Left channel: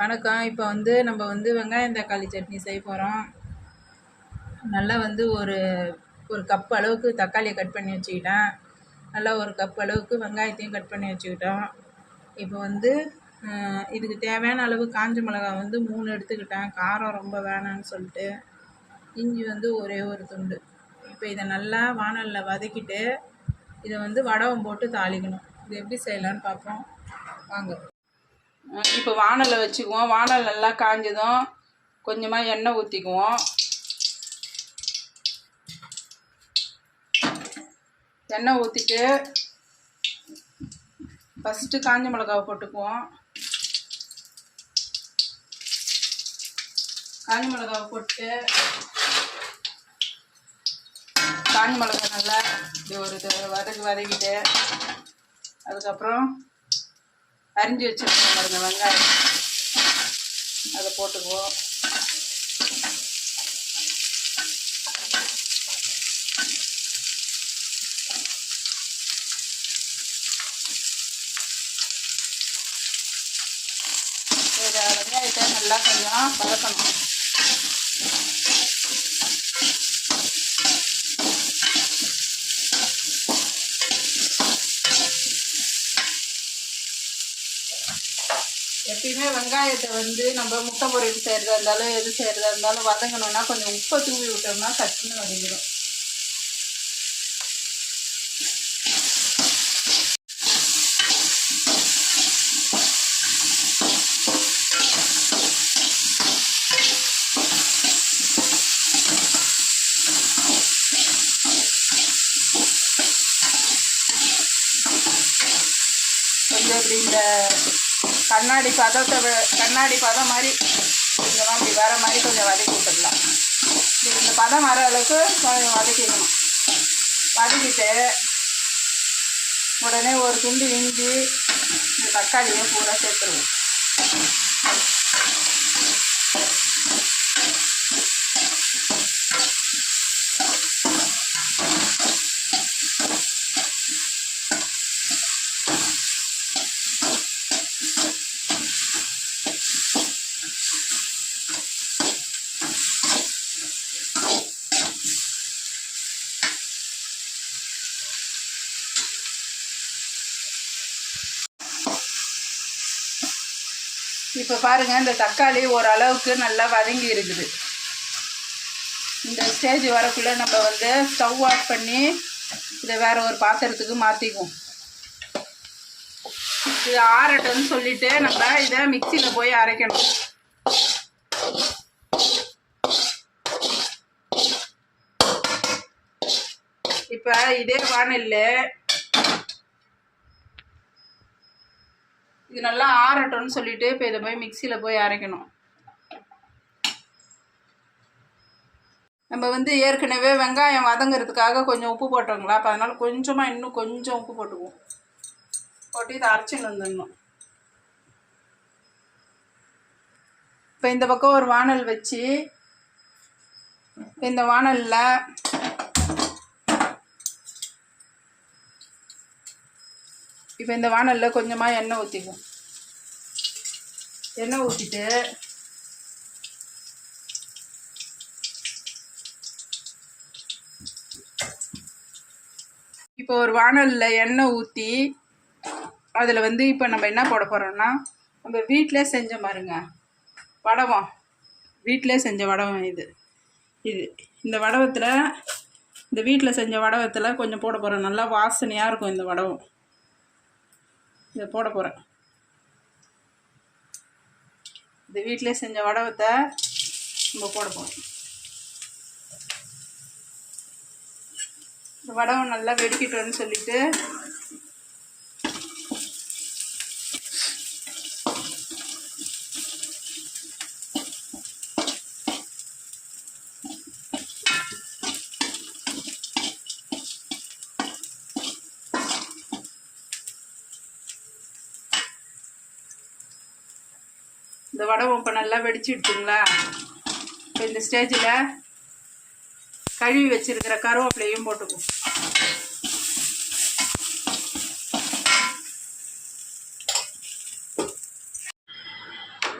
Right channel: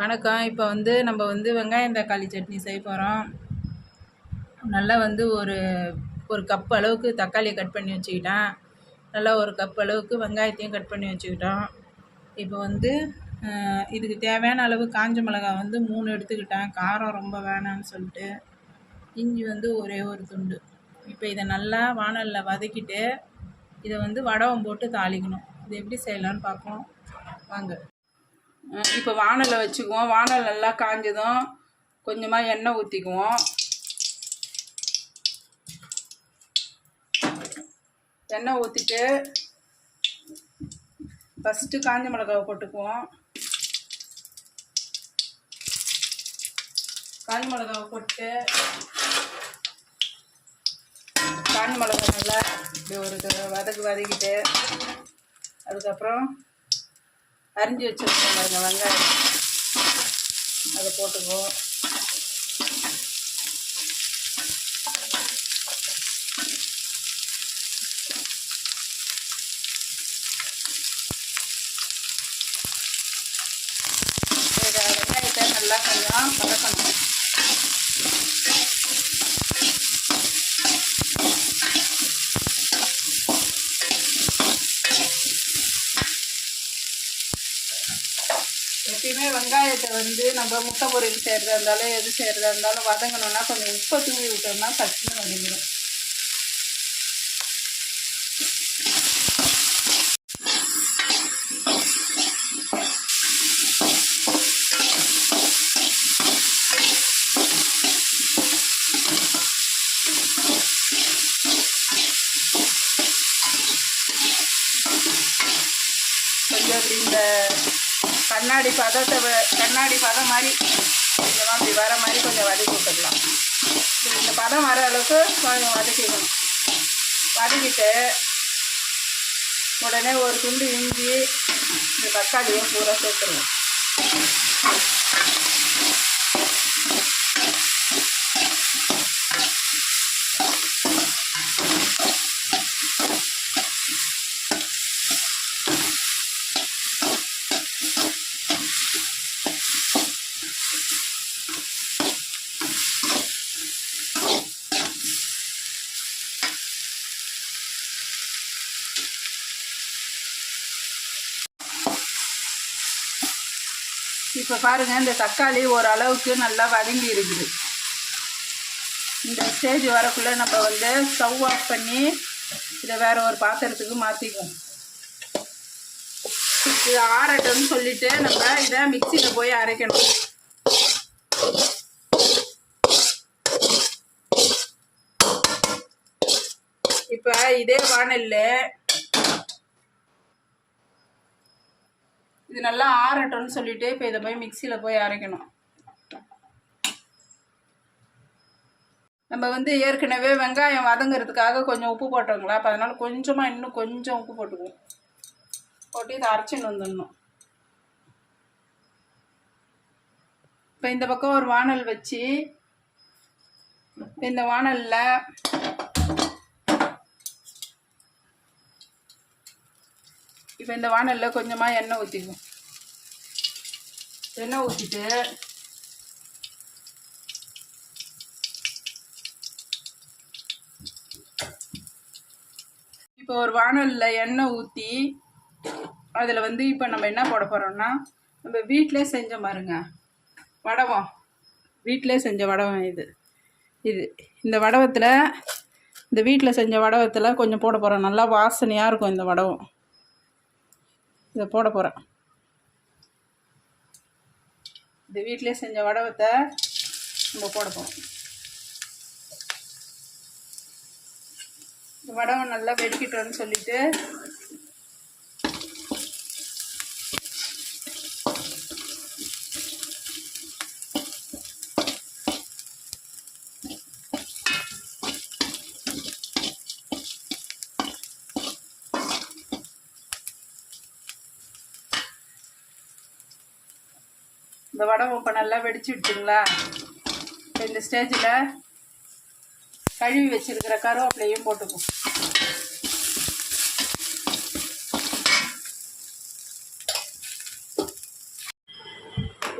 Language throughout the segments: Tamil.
வணக்கம். இப்போ வந்து நம்ம வந்து வெங்காயம் தக்காளி சட்னி செய்ய போகிறோம் நல்லா வந்து ஒரு ஒரு கப் அளவுக்கு தக்காளியை கட் பண்ணி வச்சுக்கிட்டேன். நல்லா ஒரு கப் அளவுக்கு வெங்காயத்தையும் கட் பண்ணி வச்சுக்கிட்டோம். இப்போ வந்து இதுக்கு தேவையான அளவு காஞ்ச மிளகாய் வந்து மூணு எடுத்துக்கிட்டேன். காரம் ரொம்ப வேணாம்னு சொல்லிட்டு. இஞ்சி வந்து ஒரே ஒரு துண்டு. இப்போ இதை நல்லா வாணலில் வதக்கிட்டு இதை வந்து வடவம் போட்டு தாளிக்கணும். இது எப்படி செய்யலான்னு பார்ப்போம். வாங்க. இப்போ வானலை வச்சுக்குவோம். வானல் நல்லா காஞ்சதும் கொஞ்சமாக எண்ணெய் ஊற்றிக்குவோம் எண்ணெய் ஊற்றிட்டு ஃபஸ்ட்டு காஞ்ச மிளகாவை போட்டுக்குவோம். காஞ்ச மிளகாவை போட்டு காஞ்ச மிளகா நல்லா இப்படி ஒரு வதக்கு வதக்கிட்டு அதுக்கப்புறம் அரிஞ்சு வச்சிருக்கோம் பாருங்க வெங்காயம். அதை போட்டுக்குவோம். வெங்காயத்தை நல்லா கொஞ்சம் பதக்கணும் எப்பயுமே வெங்காயத்தை வந்து நம்ம முட்டை பொரியல் செய்கிறதா இருந்தாலும் எது செய்கிறதா இருந்தாலும் வதங்கணும்னா கொஞ்சம் உப்பை தூவி விட்டோம்னா சட்டுன்னு வதங்கிடும். கொஞ்சம் இப்படி இந்த கண்ணாடி பதத்தை கண்ணாடி பதம் மாதிரி கொஞ்சமாக இப்படி வர மாதிரி கொஞ்சம் வதக்கி விட்டுடலாம். இந்த பதம் வர அளவுக்கு கொஞ்சம் வதக்கிக்கணும். வதக்கிட்டு உடனே ஒரு துண்டு இஞ்சி இந்த தக்காளியும் பூரா சேர்த்துருவோம். இப்போ பாருங்கள் இந்த தக்காளி ஓரளவுக்கு நல்லா வதங்கி இருக்குது. இந்த ஸ்டேஜ் வரக்குள்ளே நம்ம வந்து ஸ்டவ் ஆஃப் பண்ணி இதை வேறு ஒரு பாத்திரத்துக்கு மாற்றிக்குவோம் இது ஆறட்டும்னு சொல்லிட்டு நம்ம இதை மிக்சியில் போய் அரைக்கணும். இப்போ இதே வானல்ல இது நல்லா ஆறட்டும்னு சொல்லிட்டு இப்போ இதை போய் மிக்சியில் போய் அரைக்கணும். நம்ம வந்து ஏற்கனவே வெங்காயம் வதங்குறதுக்காக கொஞ்சம் உப்பு போட்டோங்களா? அப்போ அதனால் கொஞ்சமாக இன்னும் கொஞ்சம் உப்பு போட்டுக்குவோம். போட்டு இதை அரைச்சின்னு வந்துடணும். இப்போ இந்த பக்கம் ஒரு வானல் வச்சு இந்த வானலில் இப்போ இந்த வானலில் கொஞ்சமாக எண்ணெய் ஊற்றிக்குவோம் எண்ணெய் ஊற்றிட்டு இப்போ ஒரு வானலில் எண்ணெய் ஊற்றி அதில் வந்து இப்போ நம்ம என்ன போட போகிறோம்னா நம்ம வீட்டிலே செஞ்ச பாருங்க வடவம். வீட்டிலே செஞ்ச வடவம் இது. இது. இந்த வடவத்தில் இந்த வீட்டில் செஞ்ச வடவத்தில் கொஞ்சம் போட போகிறோம் நல்லா வாசனையாக இருக்கும் இந்த வடவம். இதை போட போகிறேன் இந்த வீட்டிலே செஞ்ச வடவத்தை நம்ம போட போகிறோம் இந்த வடவை நல்லா வெடிக்கட்டும்னு சொல்லிவிட்டு இந்த வடகம் இப்போ நல்லா வெடிச்சிடுச்சுங்களா இப்போ இந்த ஸ்டேஜில் கழுவி வச்சுருக்கிற கருவேப்பிலையும் போட்டுக்குவோம்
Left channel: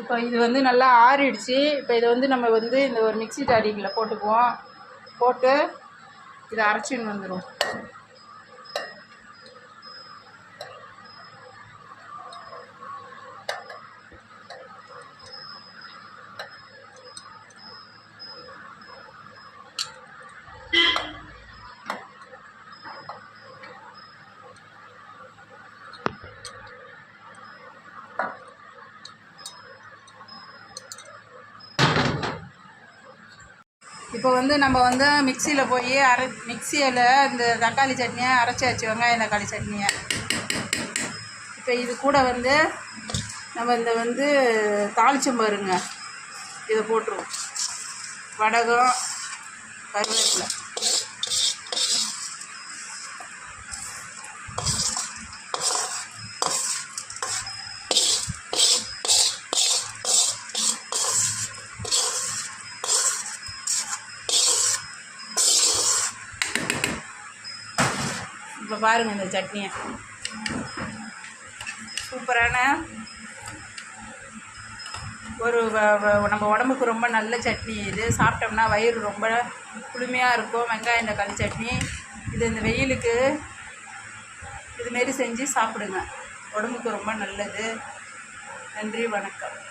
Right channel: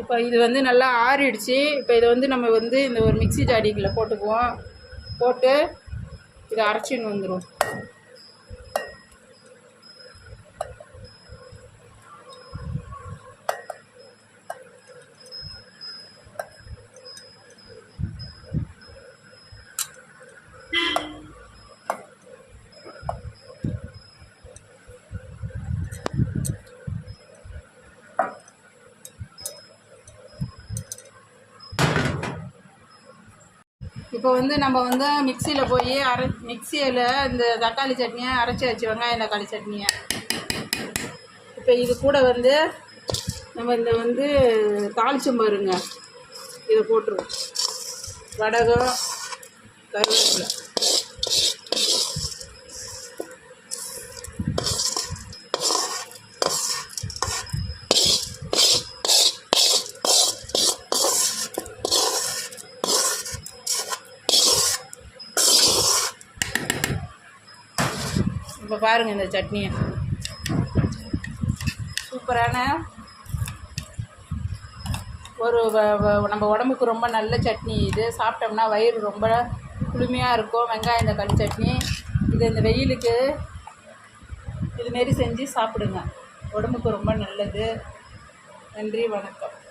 இப்போ இது வந்து நல்லா ஆறிடுச்சு. இப்போ இதை வந்து நம்ம வந்து இந்த ஒரு மிக்ஸி ஜாடிக்குள்ள போட்டுக்குவோம். போட்டு இதை அரைச்சின்னு வந்துடும் இப்போ வந்து நம்ம வந்து மிக்சியில் போய் அரை மிக்சியில் இந்த தக்காளி சட்னியை அரைச்சி வச்சு வெங்காயம் தக்காளி சட்னியை. இப்போ இது கூட வந்து நம்ம இந்த வந்து தாளிச்சம் பாருங்க. இதை போட்டுருவோம். வடகம் கருவேப்பிலை. இப்போ பாருங்கள் இந்த சட்னியை. சூப்பரான ஒரு வ- நம்ம உடம்புக்கு ரொம்ப நல்ல சட்னி இது. சாப்பிட்டோம்னா வயிறு ரொம்ப குளுமையாக இருக்கும். வெங்காயம் தக்காளி சட்னி. இது இந்த வெயிலுக்கு இதுமாரி செஞ்சு சாப்பிடுங்க. உடம்புக்கு ரொம்ப நல்லது. நன்றி வணக்கம்.